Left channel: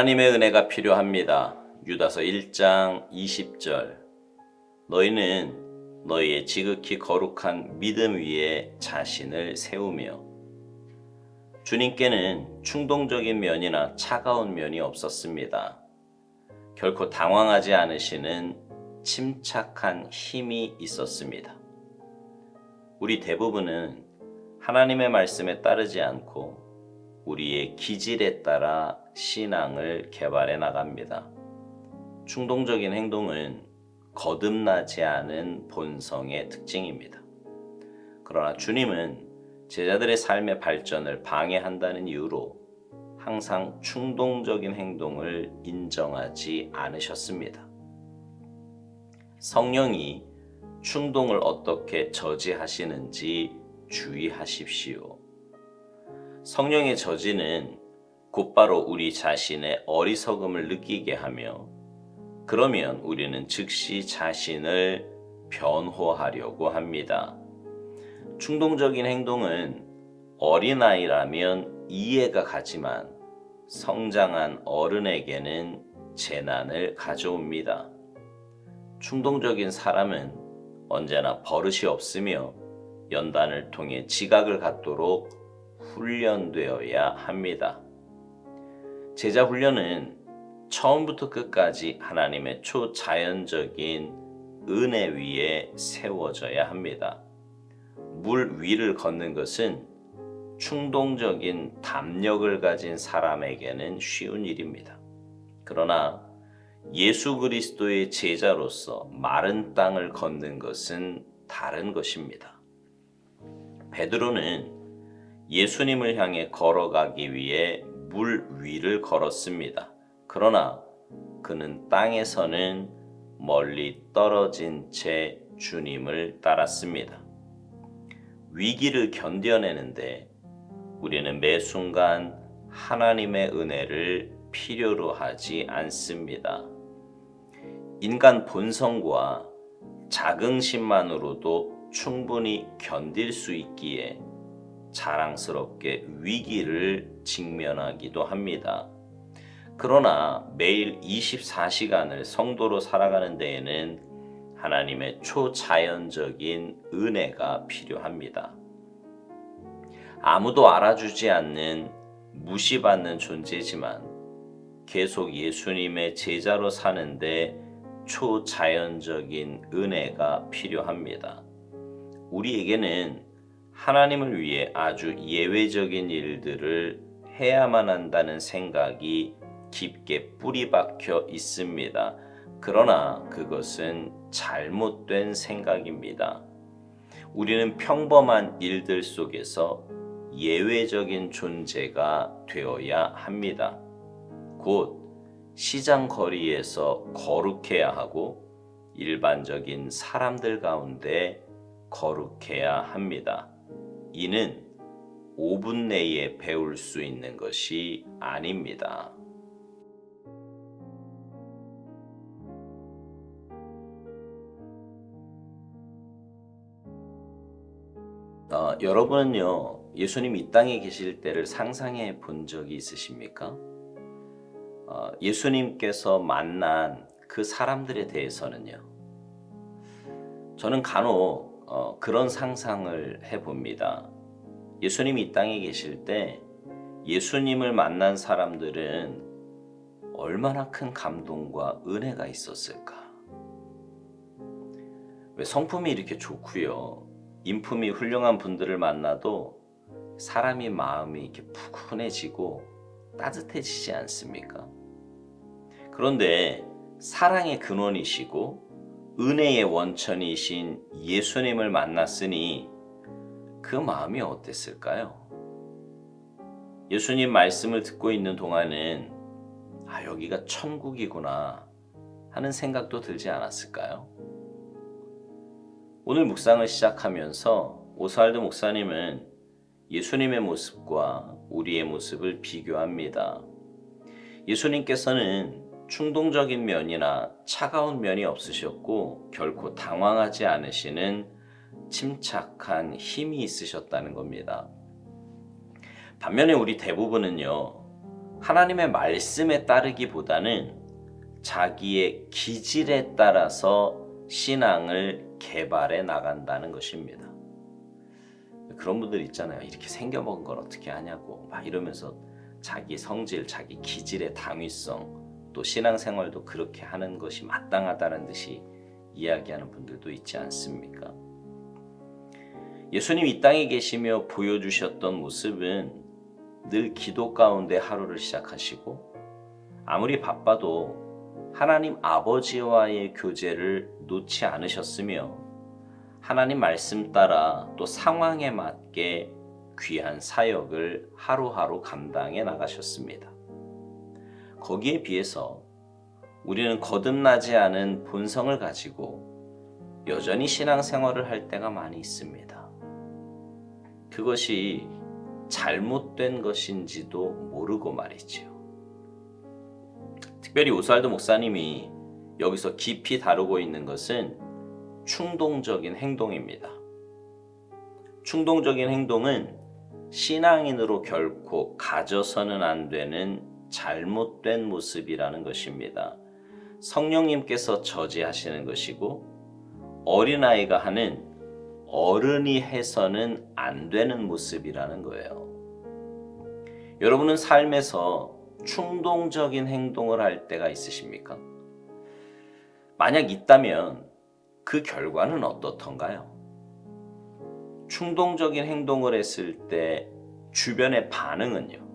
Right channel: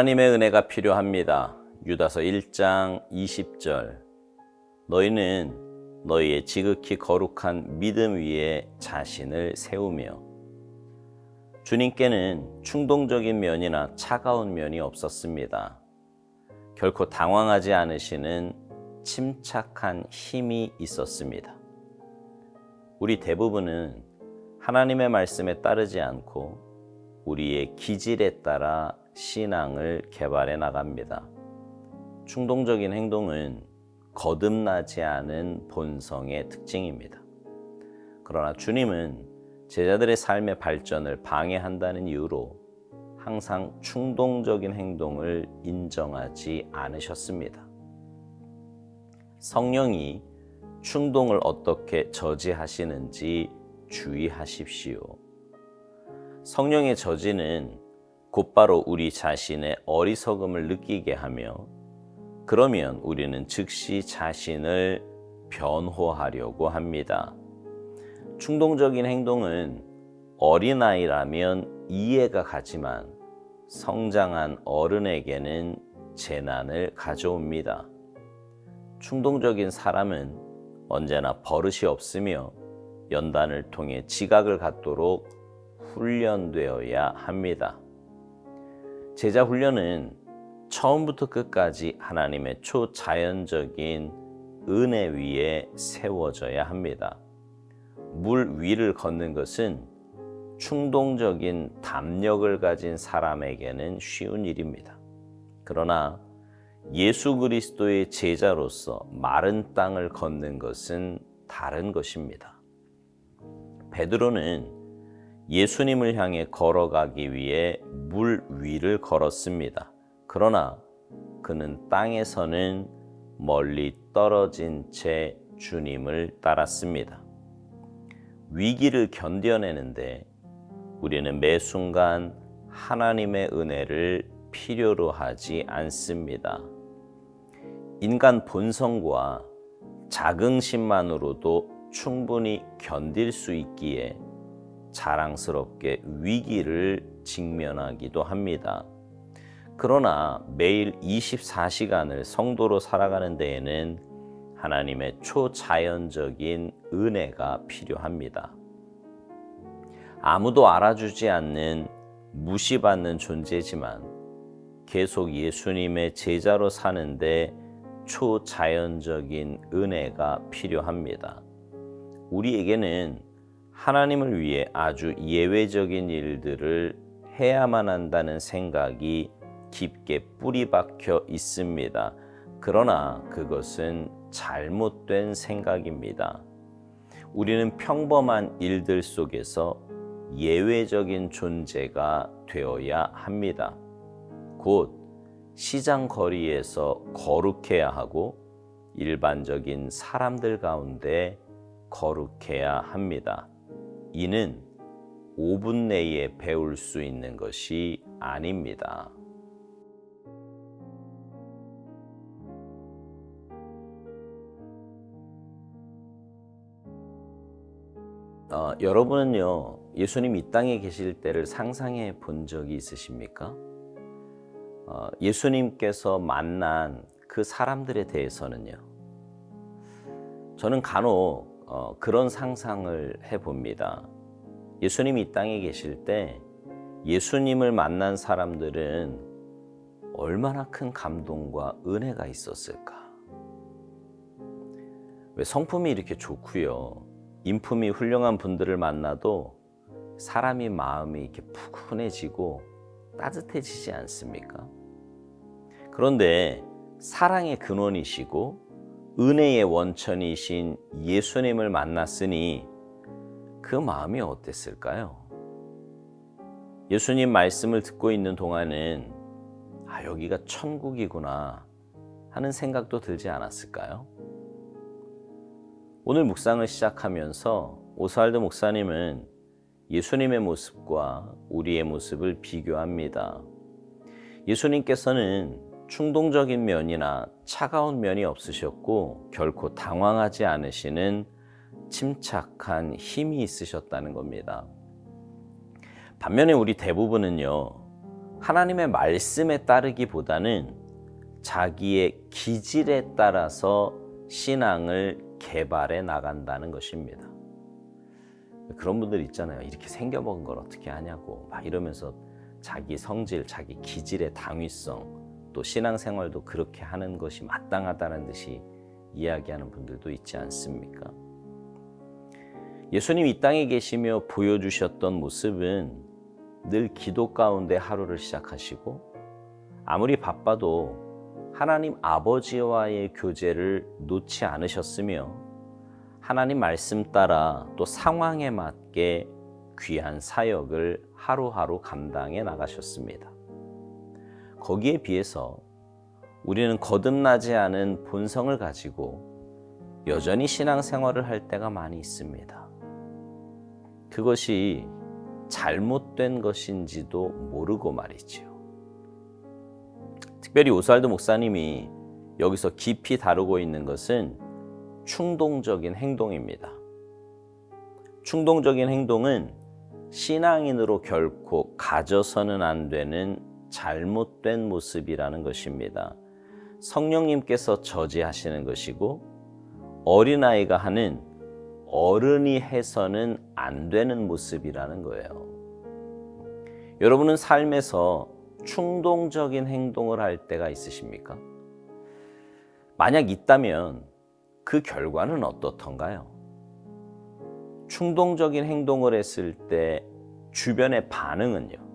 하나님의 은혜가 필요합니다. 유다서 1장 20절. 너희는 너희의 지극히 거룩한 믿음 위에 자신을 세우며 주님께는 충동적인 면이나 차가운 면이 없었습니다. 결코 당황하지 않으시는 침착한 힘이 있었습니다. 우리 대부분은 하나님의 말씀에 따르지 않고 우리의 기질에 따라 신앙을 개발해 나갑니다. 충동적인 행동은 거듭나지 않은 본성의 특징입니다. 그러나 주님은 제자들의 삶의 발전을 방해한다는 이유로 항상 충동적인 행동을 인정하지 않으셨습니다. 성령이 충동을 어떻게 저지하시는지 주의하십시오. 성령의 저지는 곧바로 우리 자신의 어리석음을 느끼게 하며 그러면 우리는 즉시 자신을 변호하려고 합니다. 충동적인 행동은 어린아이라면 이해가 가지만 성장한 어른에게는 재난을 가져옵니다. 충동적인 사람은 언제나 버릇이 없으며 연단을 통해 지각을 갖도록 훈련되어야 합니다. 제자 훈련은 처음부터 끝까지 하나님의 초자연적인 은혜 위에 세워져야 합니다. 물 위를 걷는 것은 충동적인 담력을 가진 사람에게는 쉬운 일입니다. 그러나 예수 그리스도의 제자로서 마른 땅을 걷는 것은 다른 것입니다. 베드로는 예수님을 향해 걸어가기 위해 물 위를 걸었습니다. 그러나 그는 땅에서는 멀리 떨어진 채 주님을 따랐습니다. 위기를 견뎌내는데 우리는 매 순간 하나님의 은혜를 필요로 하지 않습니다. 인간 본성과 자긍심만으로도 충분히 견딜 수 있기에 자랑스럽게 위기를 직면하기도 합니다. 그러나 매일 24시간을 성도로 살아가는 데에는 하나님의 초자연적인 은혜가 필요합니다. 아무도 알아주지 않는 무시받는 존재지만 계속 예수님의 제자로 사는데 초자연적인 은혜가 필요합니다. 우리에게는 하나님을 위해 아주 예외적인 일들을 해야만 한다는 생각이 깊게 뿌리 박혀 있습니다. 그러나 그것은 잘못된 생각입니다. 우리는 평범한 일들 속에서 예외적인 존재가 되어야 합니다. 곧 시장 거리에서 거룩해야 하고 일반적인 사람들 가운데 거룩해야 합니다. 이는 5분 내에 배울 수 있는 것이 아닙니다. 어, 여러분은요, 예수님 이 땅에 계실 때를 상상해 본 적이 있으십니까? 어, 예수님께서 만난 그 사람들에 대해서는요, 저는 간혹 어, 그런 상상을 해봅니다. 예수님이 이 땅에 계실 때 예수님을 만난 사람들은 얼마나 큰 감동과 은혜가 있었을까? 왜 성품이 이렇게 좋고요. 인품이 훌륭한 분들을 만나도 사람이 마음이 이렇게 푸근해지고 따뜻해지지 않습니까? 그런데 사랑의 근원이시고 은혜의 원천이신 예수님을 만났으니 그 마음이 어땠을까요? 예수님 말씀을 듣고 있는 동안은 아, 여기가 천국이구나 하는 생각도 들지 않았을까요? 오늘 묵상을 시작하면서 오스왈드 목사님은 예수님의 모습과 우리의 모습을 비교합니다. 예수님께서는 충동적인 면이나 차가운 면이 없으셨고 결코 당황하지 않으시는 침착한 힘이 있으셨다는 겁니다. 반면에 우리 대부분은요, 하나님의 말씀에 따르기보다는 자기의 기질에 따라서 신앙을 개발해 나간다는 것입니다. 그런 분들 있잖아요. 이렇게 생겨먹은 걸 어떻게 하냐고 막 이러면서 자기 성질, 자기 기질의 당위성, 또 신앙생활도 그렇게 하는 것이 마땅하다는 듯이 이야기하는 분들도 있지 않습니까? 예수님 이 땅에 계시며 보여주셨던 모습은 늘 기도 가운데 하루를 시작하시고 아무리 바빠도 하나님 아버지와의 교제를 놓지 않으셨으며 하나님 말씀 따라 또 상황에 맞게 귀한 사역을 하루하루 감당해 나가셨습니다. 거기에 비해서 우리는 거듭나지 않은 본성을 가지고 여전히 신앙생활을 할 때가 많이 있습니다. 그것이 잘못된 것인지도 모르고 말이지요. 특별히 오스왈드 목사님이 여기서 깊이 다루고 있는 것은 충동적인 행동입니다. 충동적인 행동은 신앙인으로 결코 가져서는 안 되는 잘못된 모습이라는 것입니다. 성령님께서 저지하시는 것이고 어린아이가 하는 어른이 해서는 안 되는 모습이라는 거예요. 여러분은 삶에서 충동적인 행동을 할 때가 있으십니까? 만약 있다면 그 결과는 어떻던가요? 충동적인 행동을 했을 때 주변의 반응은요?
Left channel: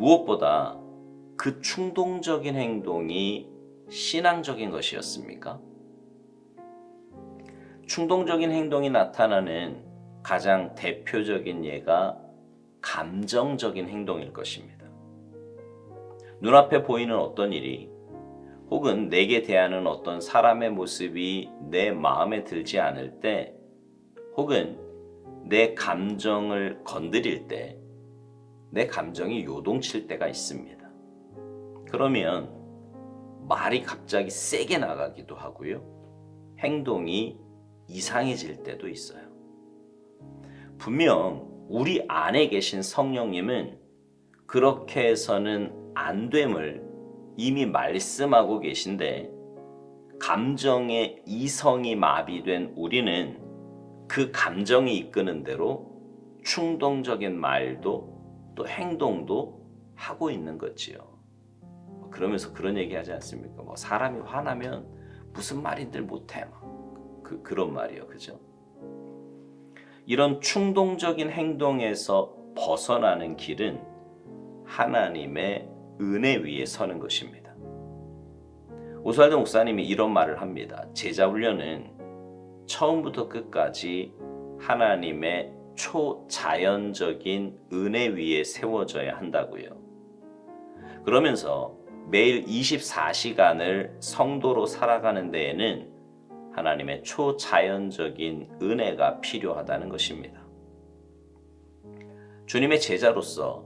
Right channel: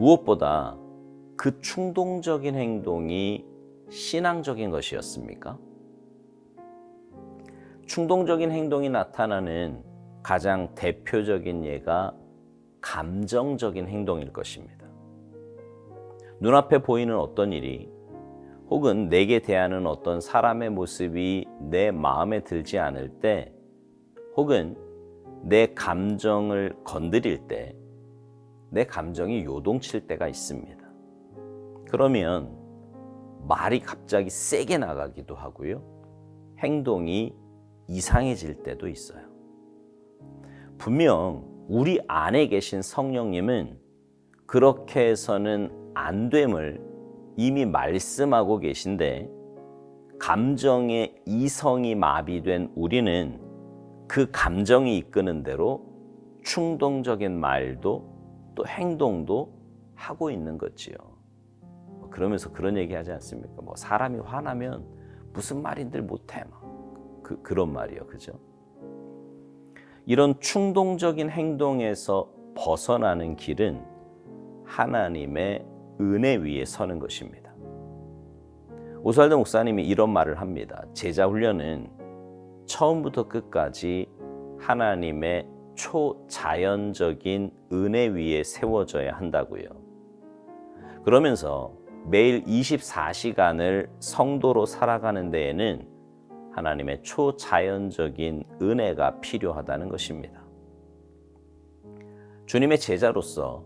무엇보다 그 충동적인 행동이 신앙적인 것이었습니까? 충동적인 행동이 나타나는 가장 대표적인 예가 감정적인 행동일 것입니다. 눈앞에 보이는 어떤 일이 혹은 내게 대하는 어떤 사람의 모습이 내 마음에 들지 않을 때 혹은 내 감정을 건드릴 때 내 감정이 요동칠 때가 있습니다. 그러면 말이 갑자기 세게 나가기도 하고요. 행동이 이상해질 때도 있어요. 분명 우리 안에 계신 성령님은 그렇게 해서는 안 됨을 이미 말씀하고 계신데 감정의 이성이 마비된 우리는 그 감정이 이끄는 대로 충동적인 말도 또 행동도 하고 있는 거지요. 그러면서 그런 얘기 하지 않습니까? 뭐 사람이 화나면 무슨 말인들 못해. 그, 그런 말이요. 그죠? 이런 충동적인 행동에서 벗어나는 길은 하나님의 은혜 위에 서는 것입니다. 오스왈드 목사님이 이런 말을 합니다. 제자 훈련은 처음부터 끝까지 하나님의 초자연적인 은혜 위에 세워져야 한다고요. 그러면서 매일 24시간을 성도로 살아가는 데에는 하나님의 초자연적인 은혜가 필요하다는 것입니다. 주님의 제자로서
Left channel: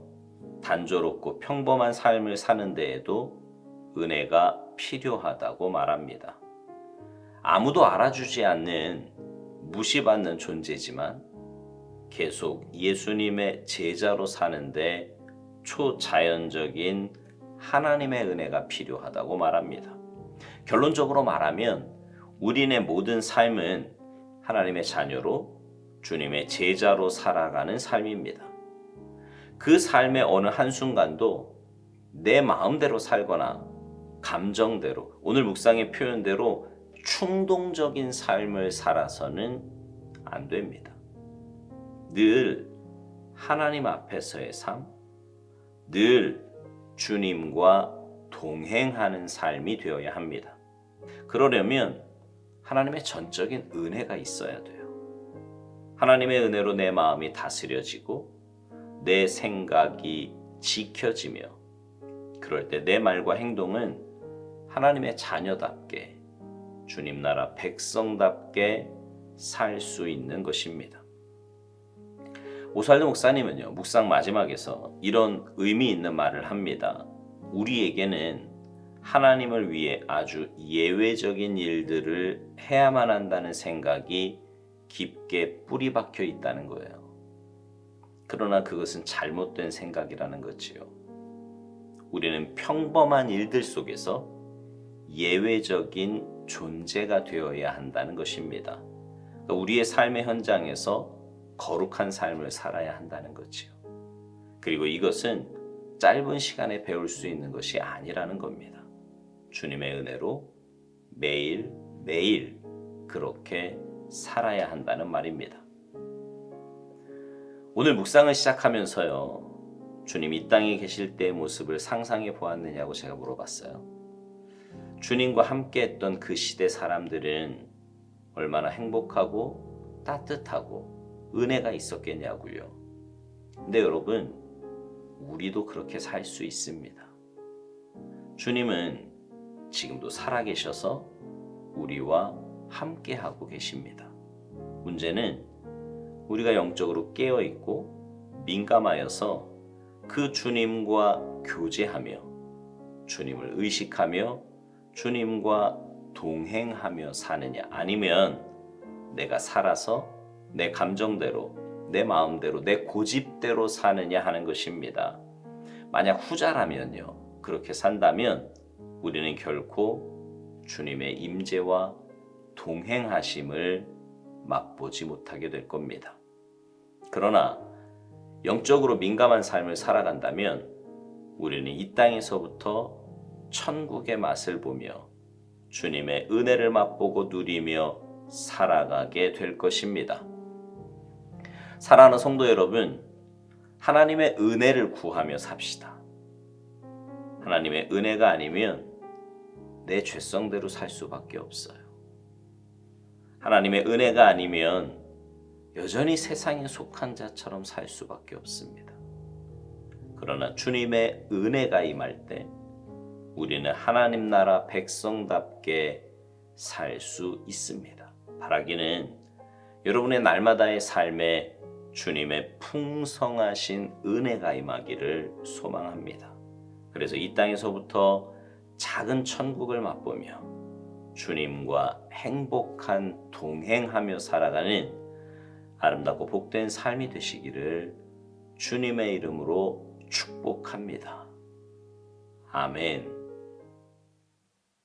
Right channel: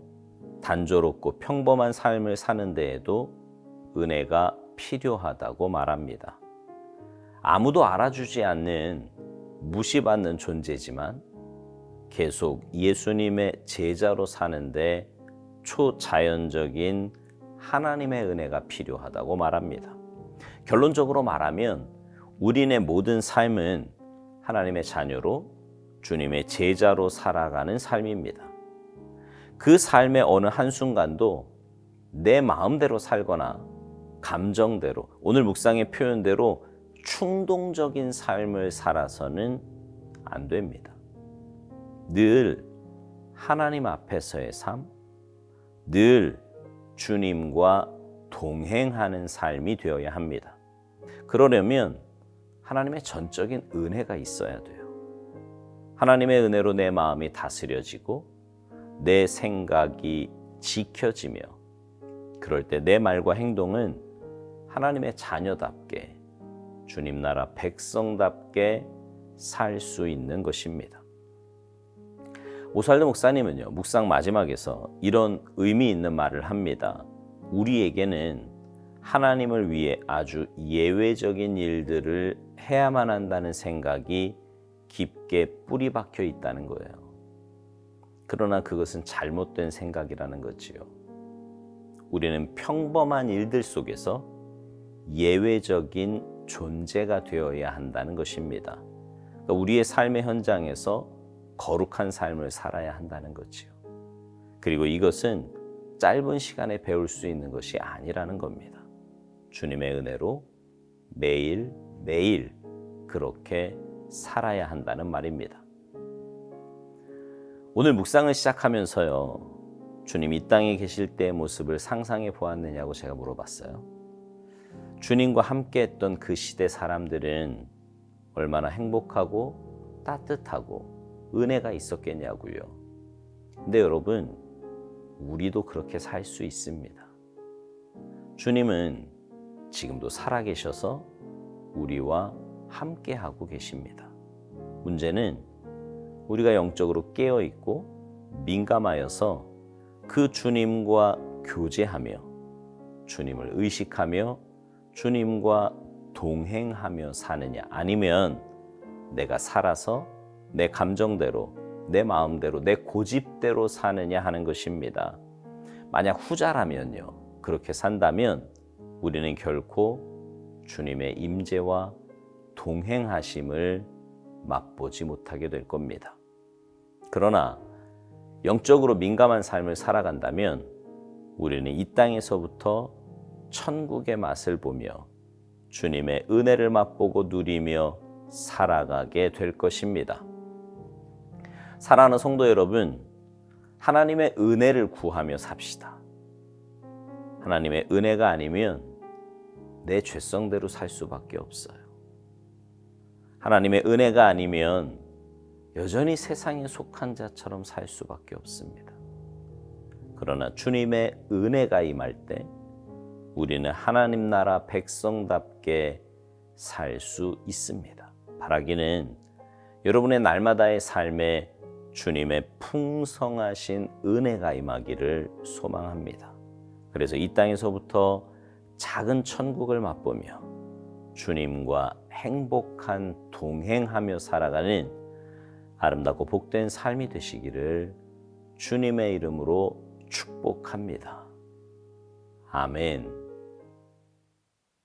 단조롭고 평범한 삶을 사는 데에도 은혜가 필요하다고 말합니다. 아무도 알아주지 않는 무시받는 존재지만 계속 예수님의 제자로 사는데 초자연적인 하나님의 은혜가 필요하다고 말합니다. 결론적으로 말하면 우리네 모든 삶은 하나님의 자녀로 주님의 제자로 살아가는 삶입니다. 그 삶의 어느 한순간도 내 마음대로 살거나 감정대로 오늘 묵상의 표현대로 충동적인 삶을 살아서는 안 됩니다. 늘 하나님 앞에서의 삶, 늘 주님과 동행하는 삶이 되어야 합니다. 그러려면 하나님의 전적인 은혜가 있어야 돼요. 하나님의 은혜로 내 마음이 다스려지고 내 생각이 지켜지며 그럴 때 내 말과 행동은 하나님의 자녀답게 주님 나라 백성답게 살 수 있는 것입니다. 오살드 목사님은요, 묵상 마지막에서 이런 의미 있는 말을 합니다. 우리에게는 하나님을 위해 아주 예외적인 일들을 해야만 한다는 생각이 깊게 뿌리 박혀 있다는 거예요. 그러나 그것은 잘못된 생각이라는 거지요. 우리는 평범한 일들 속에서 예외적인 존재가 되어야 한다는 것입니다. 그러니까 우리의 삶의 현장에서 거룩한 삶을 살아야 한다는 거지요. 그리고 이것은 짧은 시간에 배울 수 있는 것이 아니라는 겁니다. 주님의 은혜로 매일 매일 그렇게 살아야 한다는 말입니다. 오늘 묵상을 시작하면서요. 주님 이 땅에 계실 때의 모습을 상상해 보았느냐고 제가 물어봤어요. 주님과 함께 했던 그 시대 사람들은 얼마나 행복하고 따뜻하고 은혜가 있었겠냐고요. 근데 여러분, 우리도 그렇게 살 수 있습니다. 주님은 지금도 살아계셔서 우리와 함께 하고 계십니다. 문제는 우리가 영적으로 깨어 있고 민감하여서 그 주님과 교제하며 주님을 의식하며 주님과 동행하며 사느냐 아니면 내가 살아서 내 감정대로 내 마음대로 내 고집대로 사느냐 하는 것입니다. 만약 후자라면요. 그렇게 산다면 우리는 결코 주님의 임재와 동행하심을 맛보지 못하게 될 겁니다. 그러나 영적으로 민감한 삶을 살아간다면 우리는 이 땅에서부터 천국의 맛을 보며 주님의 은혜를 맛보고 누리며 살아가게 될 것입니다. 사랑하는 성도 여러분, 하나님의 은혜를 구하며 삽시다. 하나님의 은혜가 아니면 내 죄성대로 살 수밖에 없어요. 하나님의 은혜가 아니면 여전히 세상에 속한 자처럼 살 수밖에 없습니다. 그러나 주님의 은혜가 임할 때 우리는 하나님 나라 백성답게 살 수 있습니다. 바라기는 여러분의 날마다의 삶에 주님의 풍성하신 은혜가 임하기를 소망합니다. 그래서 이 땅에서부터 작은 천국을 맛보며 주님과 행복한 동행하며 살아가는 아름답고 복된 삶이 되시기를 주님의 이름으로 축복합니다. 아멘.